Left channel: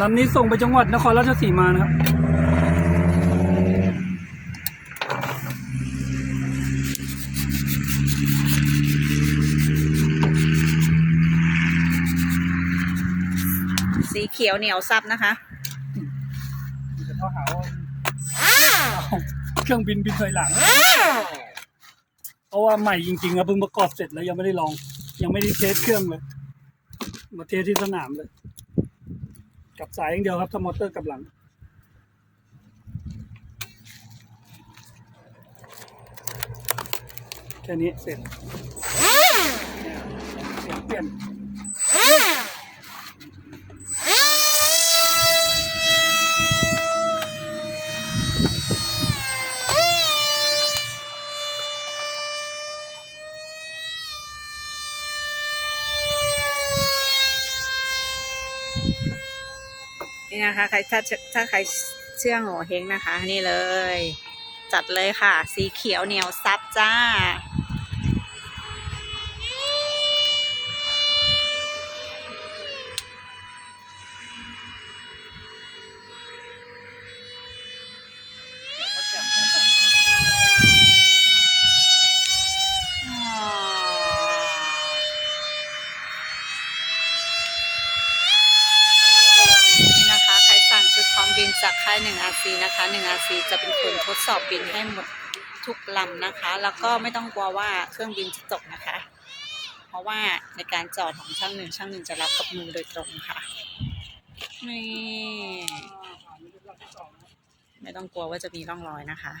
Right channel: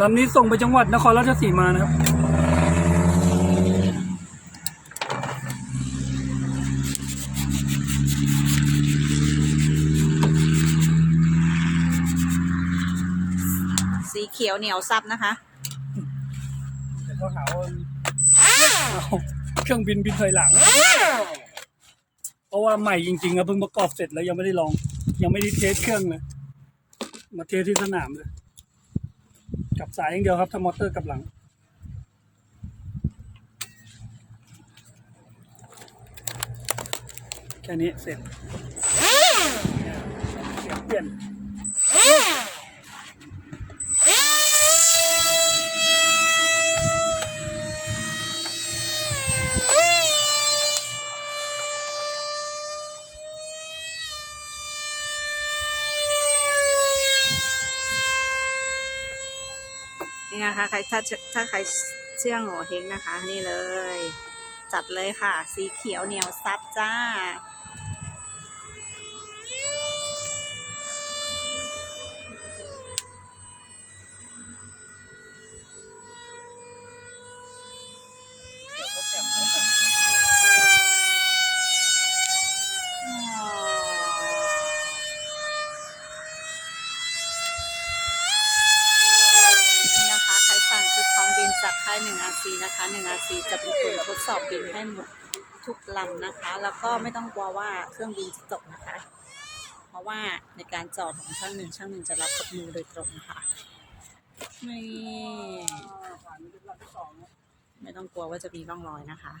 ลำนี้ส่งไปจังหวัดนครราชสีมานะครับ สีเขียวเหนียวซับนะคะ เดี๋ยวเขาหาว่าเอาเครื่องบินบินถอยหลัง เพราะว่าใหม่จริงๆอะเพิ่งประกอบเสร็จแล้วยังไม่ได้ลอง ยังไม่ได้เทสเครื่องเลย มาเทสที่สนามเลย กับสายอย่างเดียวครับถ้ามอเตอร์กับหลัง แค่นี้เสร็จเปลี่ยน นี่นะคะใครถ้าถ้าใครเชื่องหัวเฮงนะคะ นี่เลย จัดเลยค่ะ สีเขียวเหนียวซับจ้า จากค่ายหนึ่งอาซีนะคะหนึ่งอาซีจะเป็นคนทดสอบบินให้หมดทุกลำนะคะ แล้วก็ไม่ต้องกลัวว่าเครื่องบินจะตกนะคะ เพราะว่าในการจอดของช่างหนึ่งช่างหนึ่งจะรับกับมือโดยตรงค่ะนี่ผ่านไปรอบที่สองแล้วไม่ต้องกลัวว่าจะมีร่องรอยนะคะ